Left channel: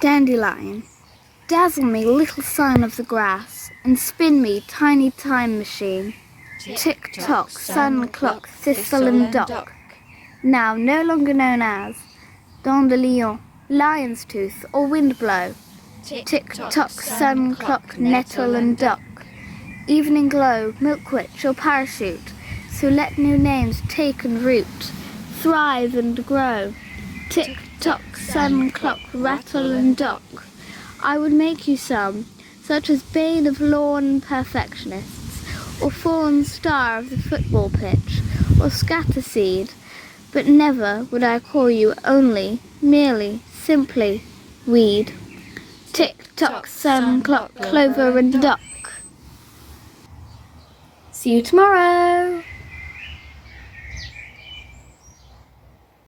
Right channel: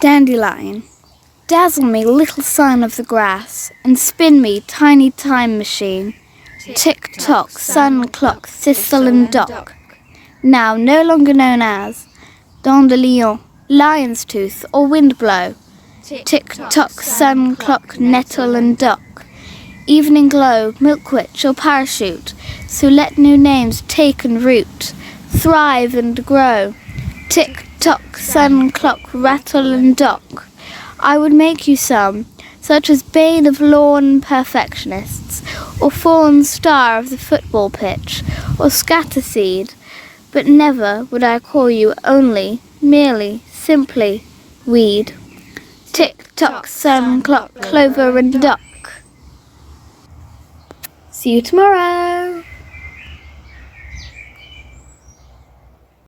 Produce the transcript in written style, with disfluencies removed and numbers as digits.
Dandelion, dazzle me, little son of the grass, and spin me, tiny time machine. Tick-tock, sun clock, thistle and dock, now no longer known as dandelion, lion's tooth, or windblow. Tick-tock, sun clock, nettle and dock, evening glow, milkwitch or parachute, so let new names take and root, thrive and grow. Tick-tock, sun clock, rattle and dock, I would make you some, such as bane of lawn perfectionists, or fallen star of the football pitch, or scatterseed, but never would I call you only, merely, simply, weed. Tick-tock, sun clock, clover and duck. See you tomorrow!